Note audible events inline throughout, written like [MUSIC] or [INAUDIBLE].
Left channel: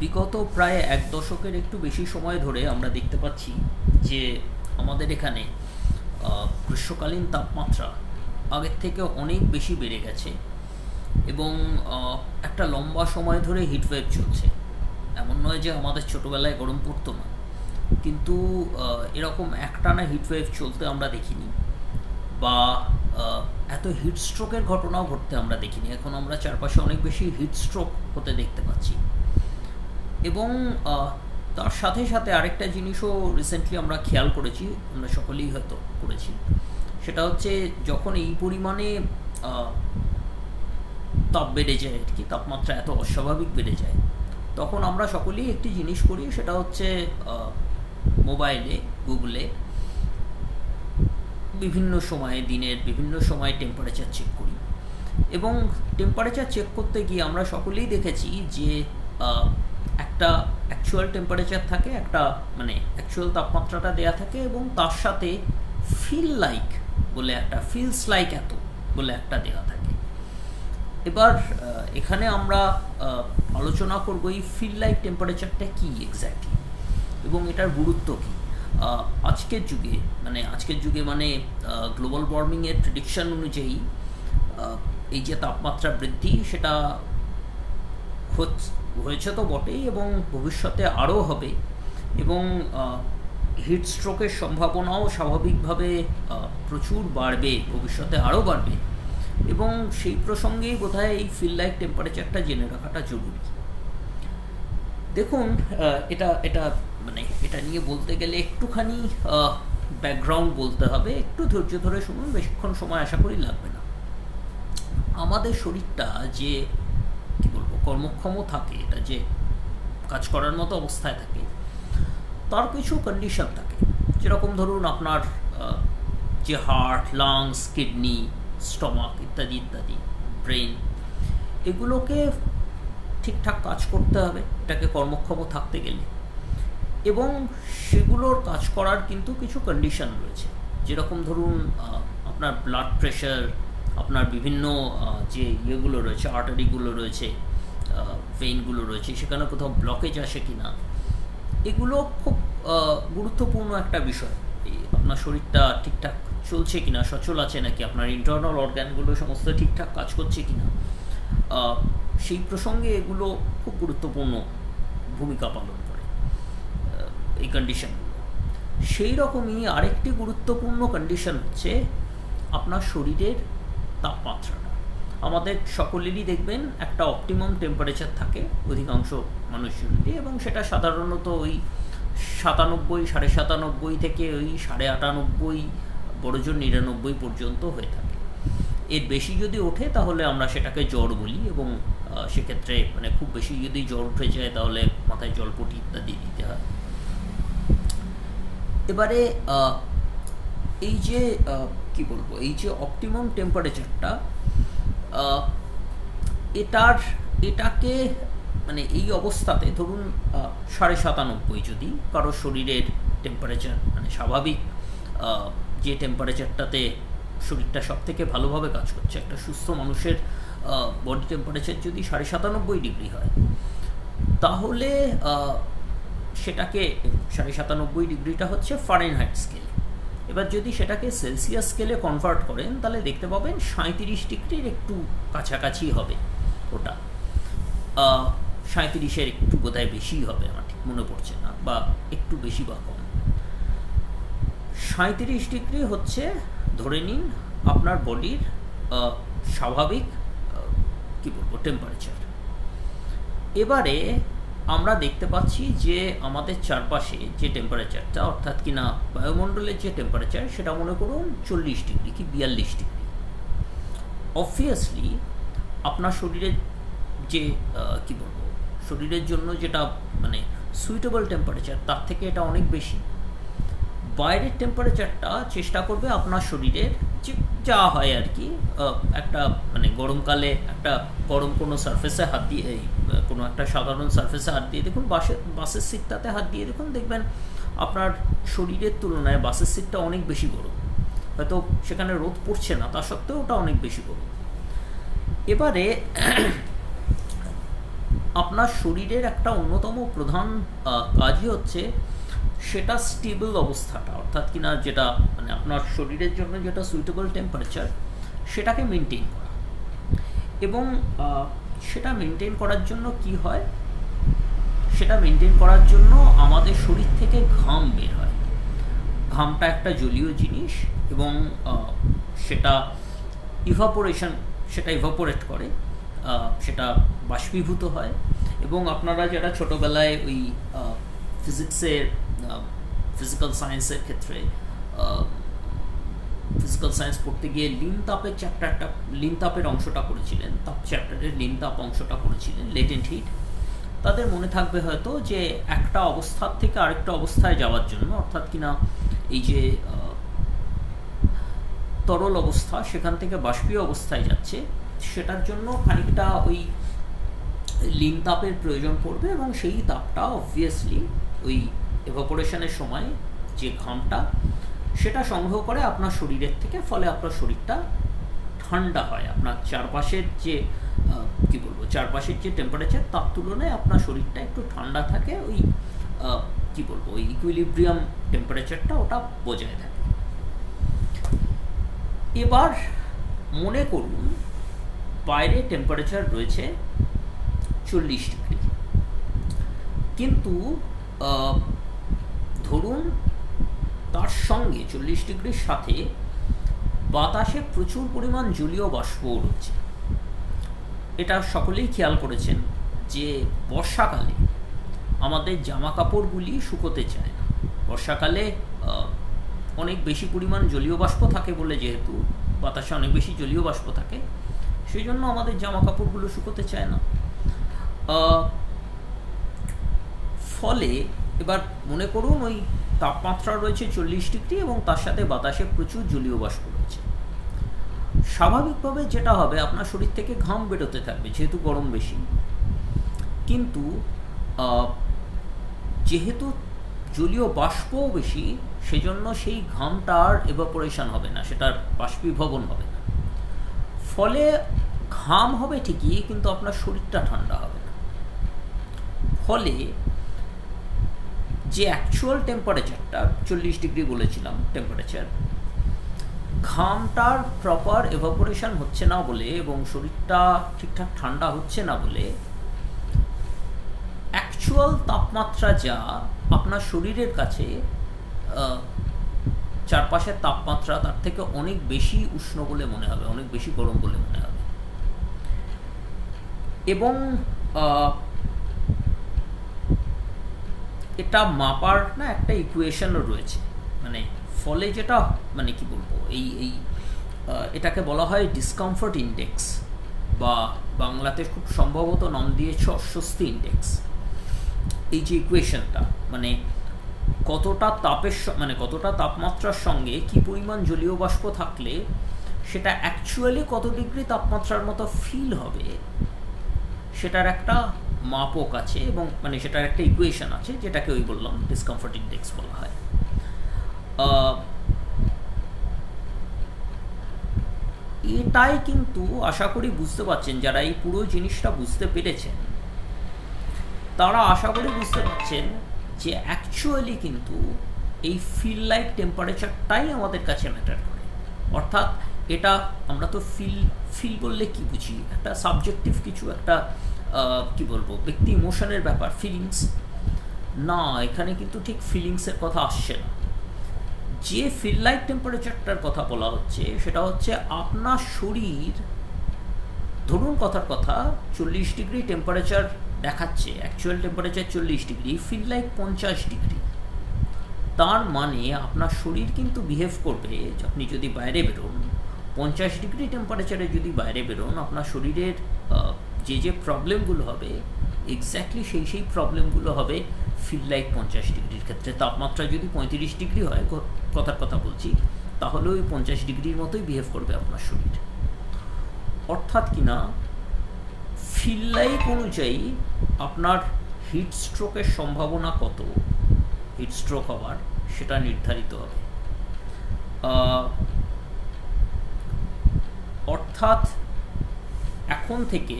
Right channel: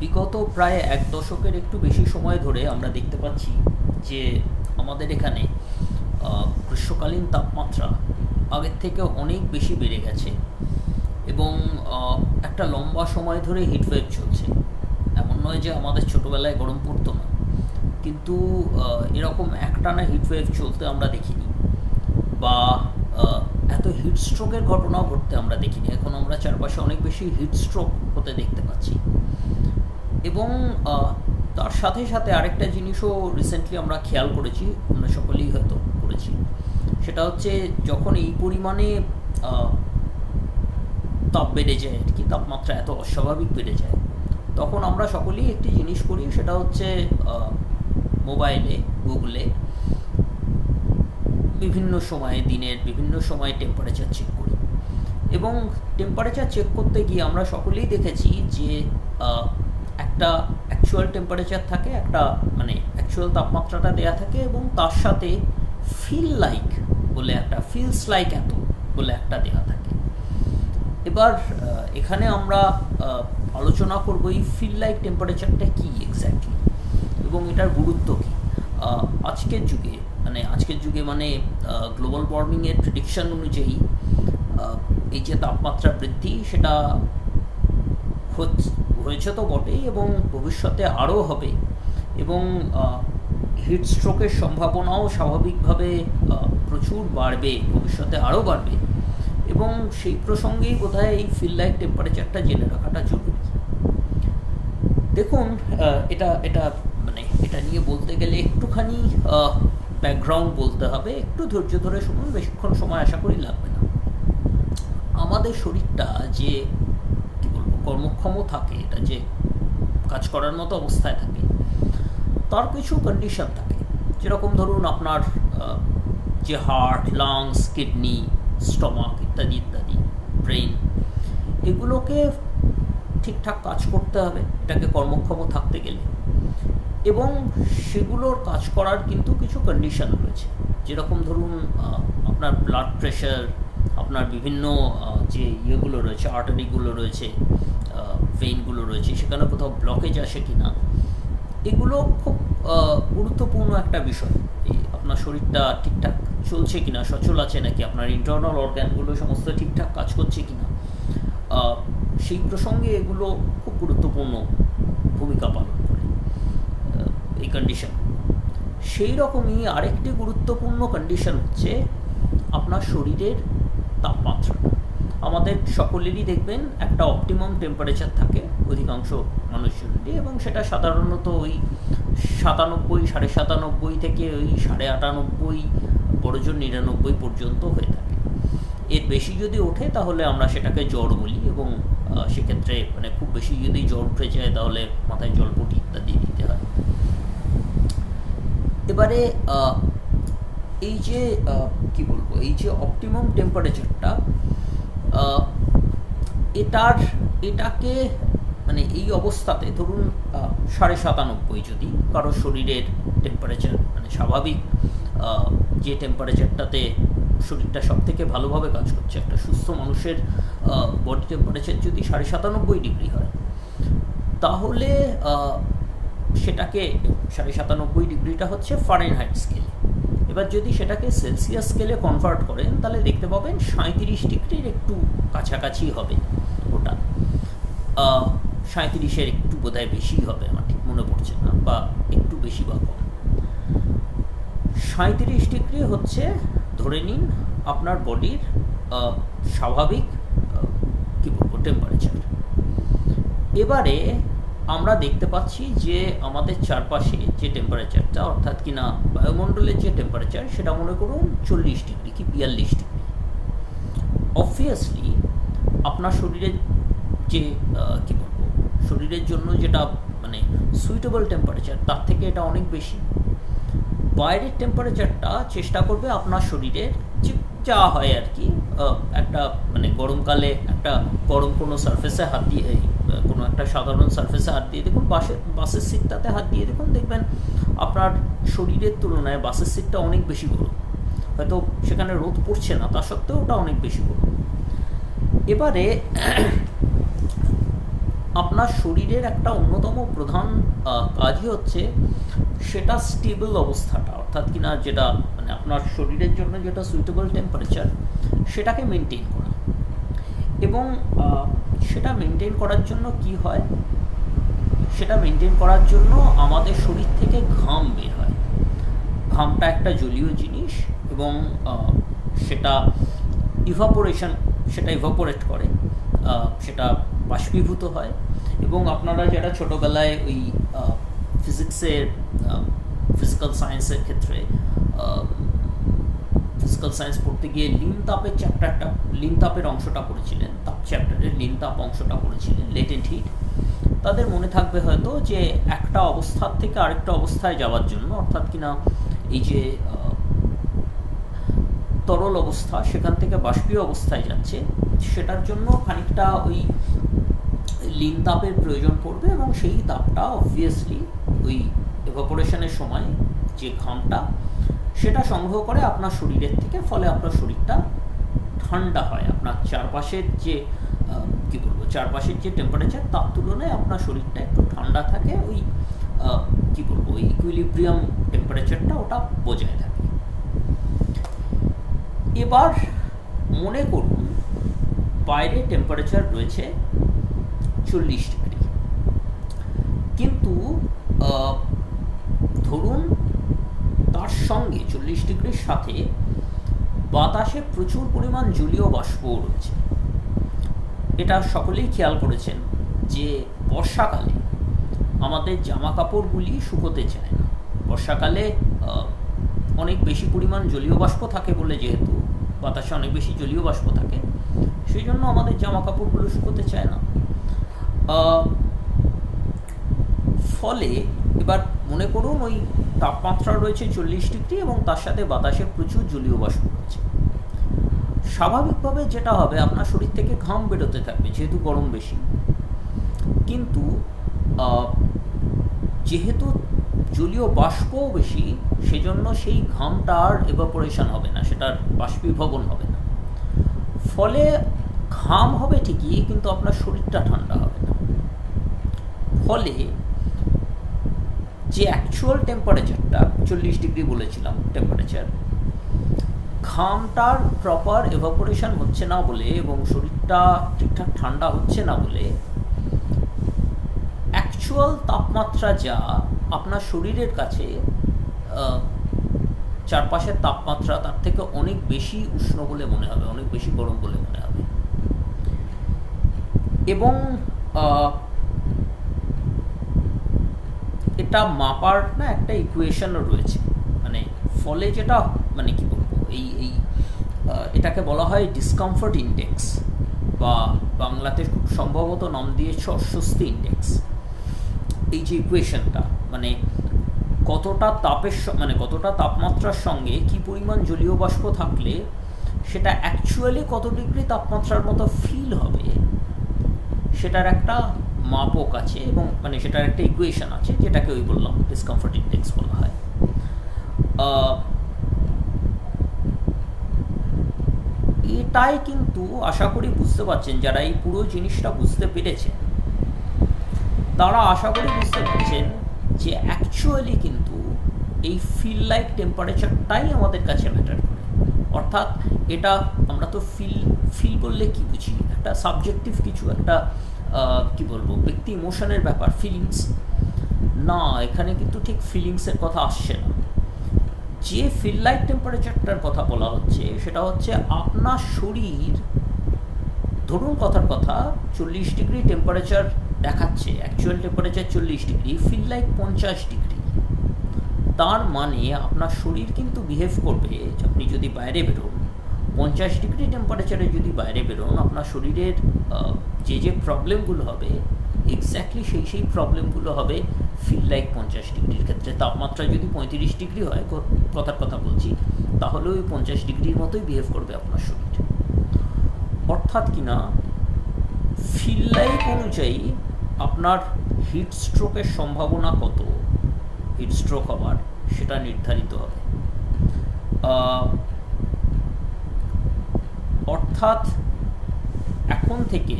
বিগত প্রায় এক দশকের একটু বেশি সময় ধরে আমরা দেখতে পাচ্ছি যে আমাদের এখানে গ্রীষ্মকালীন তাপমাত্রা আগের থেকে অনেক বেশি বেড়ে গেছে এবং একটা লম্বা সময় ধরে হিটওয়েভ চলছে। এমন নয় যে আমাদের ছোটোবেলায় গরম পড়তো না। কিন্তু এরকম একটানা হিটওয়েভ চলতে আমরা দেখিনি বা এত হিট স্ট্রোকের ঘটনাও ঘটতে আমরা দেখিনি। এখন আমরা চারপাশে অনেক বেশি হিট স্ট্রোক হতে দেখতে পাচ্ছি। এবং তার সাথে সাথে আরেকটা জিনিসও রিসেন্টলি আমরা খেয়াল করেছি, আমরা সকলেই হয়তো করেছি। সেটা হচ্ছে যখন এই পরিমাণে তাপ বেড়ে যায় আর কি, তাপমাত্রা এত অস্বাভাবিক বেড়ে যায়, তখন আমরা সকলেই একটি জিনিস করি, সেটা হচ্ছে মোবাইলে, গুগলে বিভিন্ন সময়ে, দিনের বিভিন্ন সময়ে টেম্পারেচার চেক করি। এবং টেম্পারেচার চেক করতে গিয়ে আমরা সকলেই দেখেছি যে একটা অ্যাকচুয়াল টেম্পারেচার থাকে, একটা মানে অ্যাকচুয়াল তাপমাত্রাটা দেয়া থাকে এবং তার সাথে ফিল লাইক বলে একটা ফিলস লাইক এত বলে একটা দেওয়া থাকে। এবার এখানে আমরা আলোচনা করব এই ফিল লাইক টেম্পারেচারটা কী এক্স্যাক্টলি এবং এটার গুরুত্ব কী। আজকের যুগে মানে আজকের যুগে মানে গ্লোবাল ওয়ার্মিংয়ের প্রেডিকশন অনুযায়ী এই যে তাপমাত্রা বৃদ্ধি, সেটা হচ- হয়েছে তো বটেই এবং ভবিষ্যতে আরও হবে এবং হিট স্ট্রোকের সম্ভাবনাও স্বাভাবিকভাবে প্রচুর বাড়বে, ভবিষ্যতে আরও বাড়বে এবং সেই প্রসঙ্গেই বোধহয় এই ফিল টেম্পারেচারটা জেনে রাখাটা জরুরি। দেখুন এটা এটা মানে এটা নিয়ে বলতে গেলে একটুখানি ব্যাকগ্রাউন্ড বলতে হবে, একটু ধৈর্য ধরে শুনুন, বেশিক্ষণ সময় আশা করি লাগবে না। আমাদের শরীরটা যে কর্মক্ষম থাকে, এটা যে কাজ করার মতো অবস্থায় থাকে, তার কিছু কন্ডিশন থাকে। যেরকম ধরুন আপনার যে হার্ট লাংস কিডনি স্টমাক ইত্যাদি ইত্যাদি ব্রেন এগুলোকে ঠিকঠাক কাজ করতে হবে, এটাকে কর্মক্ষম থাকতে গেলে। এবং সেগুলোর কাজ করার কিন্তু কিছু কন্ডিশন রয়েছে। যেরকম ধরুন আপনার ব্লাড প্রেশার আপনার বিভিন্ন যে ইয়েগুলো রয়েছে আর্টারিগুলো রয়েছে ভেইনগুলো রয়েছে সেখানে কোথাও ব্লকেজ আসে কি না এগুলো খুব গুরুত্বপূর্ণ একটা বিষয়। এই আপনার শরীরটা ঠিকঠাক চলছে কিনা সচল আছে নাকি আপনার ইন্টারনাল অর্গ্যানগুলো সমস্ত ঠিকঠাক কাজ করছে কিনা আহ, সেই প্রসঙ্গে এগুলো খুব গুরুত্বপূর্ণ ভূমিকা পালন করে এই কন্ডিশনগুলো সেই রকমই আরেকটি গুরুত্বপূর্ণ কন্ডিশন হচ্ছে আপনার শরীরের তাপমাত্রাটা। আমাদের সকলেরই দেখবেন একটা অপটিমাম টেম্পারেচার থাকে অধিকাংশ মানুষজনেরই এবং সেটা সাধারণত ওই সাতানব্বই, সাড়ে সাতানব্বই থেকে ওই সাড়ে আটানব্বই বড়জোর নিরানব্বই পর্যন্ত হয়ে থাকে। এর বেশি যদি ওঠে তাহলে আমরা সেটাকে জ্বর বলি এবং সেক্ষেত্রে মানে খুব বেশি যদি জ্বর উঠে যায় তাহলে মাথায় জলপটি ইত্যাদি দিতে হয়। এবারে এই যে কি বলব? এই যে অপটিমাম টেম্পারেচারটা এটার, এটাকে মানে এই অবস্থাতে ধরুন সাড়ে সাতানব্বই যদি কারও শরীরের টেম্পারেচার মানে স্বাভাবিক যে টেম্পারেচারটাতে শরীরটা সব থেকে ভালোভাবে কাজ করছে, একটা সুস্থ মানুষের বডি টেম্পারেচার যদি সাড়ে সাতানব্বই ডিগ্রি হয়, তাহলে সেটাকে সাড়ে সাতানব্বই ডিগ্রিটা হচ্ছে ফারেনহাইট স্কেলে এবার যদি সেটাকে সেলসিয়াস স্কেলে কনভার্ট করেন, তাহলে দেখতে পাবেন সাঁত্রিশ ডিগ্রির একটু কাছাকাছি হবে ওটা। সাঁত্রিশের একটু বোধহয় বেশি হবে আমার ঠিক মনে পড়ছে না, বা একটু বেশি বা কম। সাঁত্রিশ ডিগ্রি হচ্ছে, ধরে নিন আপনার বডির স্বাভাবিক কি বলব টেম্পারেচার এবারে আমরা দেখতে পাচ্ছি যে আমাদের চারপাশে যে টেম্পারেচারটা অর্থাৎ কিনা বায়ুমণ্ডলের যে টেম্পারেচার সেটা মনে করুন চল্লিশ ডিগ্রি কি বিয়াল্লিশ ডিগ্রি। অবভিয়াসলি আপনার শরীরের যে কি বলব, শরীরের জন্য যেটা মানে সুইটেবল টেম্পারেচার তার থেকে এটা অনেক বেশি। বাইরের টেম্পারেচারটা চেষ্টা করবে আপনার শরীরের যা হয় আর কি। একটা মানে গরমকালে একটা গরম কোনো সারফেসে হাত দিয়ে কোনো একটা সাধারণ সারফেসে হাত দিয়ে দেখুন, বাসে, বাসের সিটটাতে হাত দিয়ে দেখুন, দেখবেন আপনার শরীরের তুলনায় বাসের সিটটা অনেক বেশি গরম। হয়তো সেখানে রোদ পড়ছে না, তা সত্ত্বেও ওটা অনেক বেশি গরম। এবারে [CLEARS THROAT] আপনার শরীরের একটা অন্যতম প্রধান কাজই হচ্ছে সেটা স্টেবল অবস্থাটা, অর্থাৎ কিনা যেটা আপনার শরীরের জন্য যেটা সুইটেবল টেম্পারেচার সেটাকে মেনটেন করা। এবং সেটা মেনটেন করার জন্য কি হয়? সেটা মেনটেন করার জন্য আমাদের শরীর থেকে ঘাম বের হয়। ঘামটা একটা জলীয় জিনিস এবং সেটা ইভাপোরেশন সেটা ইভাপোরেট করে সেটা বাষ্পীভূত হয়। এবং আপনারা যারা ছোটোবেলায় ওই ফিজিক্সের ফিজিক্যাল সায়েন্সের ক্ষেত্রে ফিজিক্যাল সায়েন্স পড়তে গিয়ে লিন তাপের চ্যাপ্টারটা লিন তাপের অংশটা পড়েছিলেন। তাপ চ্যাপ্টারের লিন তাপ অংশটা পড়েছিলেন লেটেন্ট হিট তাদের মনে থাকবে হয়তো যে একটা অবস্থার থেকে আরেকটা অবস্থায় যাওয়ার জন্য, অর্থাৎ কিনা এই যে তরল অবস্থা, সেখান থেকে বাষ্পীয় অবস্থায় যাচ্ছে, সেটার জন্য খানিকটা ওই লিন তাপের প্রয়োজন পড়বে এবং সেই তাপটা অবভিয়াসলি ওই এভাপোরেশনের সময় যে ঘামটা সেটা সংগ্রহ করে আপনার শরীরের থেকে, ফলে আপনার শরীরটা ঠান্ডা হয়। আপনার চারপাশের যে কী বলব, চারপাশের যে টেম্পারেচার তার তুলনায় আপনার শরীরটা একটু ঠান্ডা থাকে, ওই কী বলব, ওই ইকুইলিব্রিয়াম টেম্পারেচারটা ওটা বজায় থাকে। এবার মনে করুন, বাইরে টেম্পারেচার রয়েছে চল্লিশ ডিগ্রি। কিন্তু ধরুন তার সঙ্গে চল্লিশ ডিগ্রির সাথে বাতাসে প্রচুর পরিমাণ জলীয় বাষ্পও রয়েছে। এটা সকলেই খেয়াল করেছেন যে বর্ষাকালে আমাদের জামা কাপড়গুলি শুকোতে চায় না। বর্ষাকালে অনেক বেশি পরিমাণ জলীয় বাষ্প থাকে বলে যেহেতু বাতাসে অনেক বেশি জলীয় বাষ্প থাকে সেই জন্য আমাদের জামা কাপড়গুলো শুকোতে চায় না। ফলে এবার মনে করুন ওই তাপমাত্রা রয়েছে চল্লিশ ডিগ্রি এবং তার সাথে বাতাসে প্রচুর জলীয় বাষ্প রয়েছে। স্বাভাবিকভাবে যেটা হবে, আপনার শরীর থেকে ঘাম বেরোতে থাকবে, যেহেতু গরম বেশি। কিন্তু যেহেতু জলীয় বাষ্পও বেশি, সেজন্য সেই ঘামটা আর এভাপোরেশন হবে না, সেটার বাষ্পীভবন হবে না। ফলে ঘাম হবে ঠিকই, কিন্তু আপনার শরীরটা ঠান্ডা হবে না। ফলে যে অ্যাকচুয়াল টেম্পারেচারটা চল্লিশ ডিগ্রি বলেছিলাম টেম্পারেচার ঘামটার প্রপার এভাপোরেশন হচ্ছে না বলে এবং শরীরটা ঠিকঠাক ঠান্ডা হচ্ছে না বলে অ্যাকচুয়াল তাপমাত্রা যা আপনার শরীরের কাছে চারপাশের তাপমাত্রা তার থেকে অনেক বেশি উষ্ণ বলে মনে হবে, অনেক বেশি গরম বলে মনে হবে। এবং এটা মাপার না একটা ইকুয়েশনও রয়েছে। মানে ফলে যেটা মানে কি বলব, এই এই এটাকে বলা হয় ডিসকমফর্ট ইন্ডেক্স বা বাংলাতে খুব সম্ভবত নাম দিয়েছে অস্বস্তি ইন্ডেক্স এই যে ইকুয়েশনটা মানে কতটা তাপের মানে কতটা তাপমাত্রার সঙ্গে কি পরিমাণ জলীয় বাষ্প থাকলে সেটা অ্যাকচুয়ালি কত ডিগ্রি তাপমাত্রার মতো ফিল হবে, সেটার একটা মাপক আছে এবং মানে সেটার একটা ইকুয়েশন আছে, যেটাকে ওই বললাম ডিসকমফর্ট ইন্ডেক্স বলা হয়। এটাই কিন্তু আশা করি বুঝতে পারছেন, যারা এই পুরো জিনিসটা বুঝতে পেরেছেন, তারা আশা করি বুঝতে পারছেন যে অ্যাকচুয়ালি কিন্তু এই ফিল লাইক টেম্পারেচারটাই আমাদের কাছে ম্যাটার করে। অর্থাৎ এটা আমরা তো ফিল ফিল বললে কি বুঝি? একটা সাবজেক্টিভ কিছু, একটা কি বলব, ব্যক্তি ইমোশনের ব্যাপার ফিলিংস না, এখানে কিন্তু ঠিক ফিলিংসের কথা আসছে না। যে ফিল লাইক টেম্পারেচারটার কথা বলা হচ্ছে, সেটা হচ্ছে আপনার শরীর, ধরুন কথার কথা, চল্লিশ ডিগ্রি টেম্পারেচার দেখাচ্ছে অ্যাকচুয়াল টেম্পারেচার চল্লিশ ডিগ্রি ফিল লাইক পঞ্চাশ ডিগ্রি। তার মানে আপনার শরীর কিন্তু বিহেভ করবে আপনি যদি বাইরে বেরোন পঞ্চাশ ডিগ্রি টেম্পারেচারে যদি বাইরে বেরোন, আপনার শরীরের যে যে প্রবলেমগুলো হবে এক্স্যাক্টলি সেই সেই প্রবলেমগুলো হবে ফিল লাইক পঞ্চাশ ডিগ্রির ক্ষেত্রে। তাপমাত্রা যদি পঁয়ত্রিশ ডিগ্রি হয় কথার কথা বলছি, তাহলে ওই পঞ্চাশ ডিগ্রির মতোই বিহেভ করবে আপনার শরীর। অর্থাৎ কিনা ফিল লাইক অনুযায়ী আপনার হিট স্ট্রোকের সম্ভাবনা কত? হিট স্ট্রোক হওয়ার, সেটা নির্ধারিত হবে। অর্থাৎ এখন থেকে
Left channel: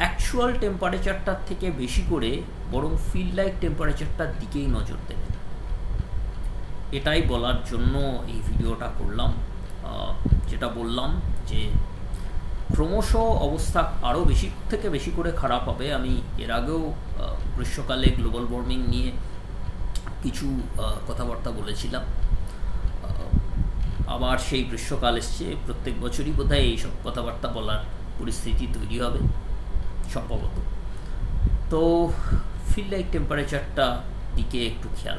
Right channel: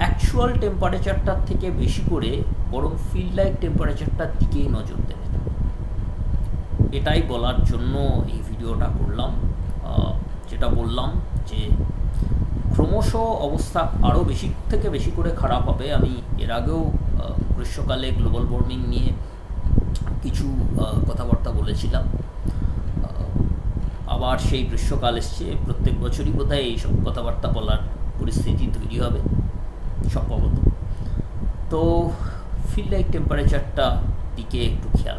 অ্যাকচুয়াল টেম্পারেচারটার থেকে বেশি করে বরং ফিল লাইক টেম্পারেচারটার দিকেই নজর দেবে এটাই বলার জন্য এই ভিডিওটা করলাম। যেটা বললাম যে ক্রমশ অবস্থা আরও বেশি থেকে বেশি করে খারাপ হবে। আমি এর আগেও গ্রীষ্মকালে গ্লোবাল ওয়ার্মিং নিয়ে কিছু কথাবার্তা বলেছিলাম। আবার সেই গ্রীষ্মকাল এসছে। প্রত্যেক বছরই বোধহয় এইসব কথাবার্তা বলার পরিস্থিতি তৈরি হবে, সম্ভবত। তো ফিল্ড লাইক টেম্পারেচারটা দিকে একটু খেয়াল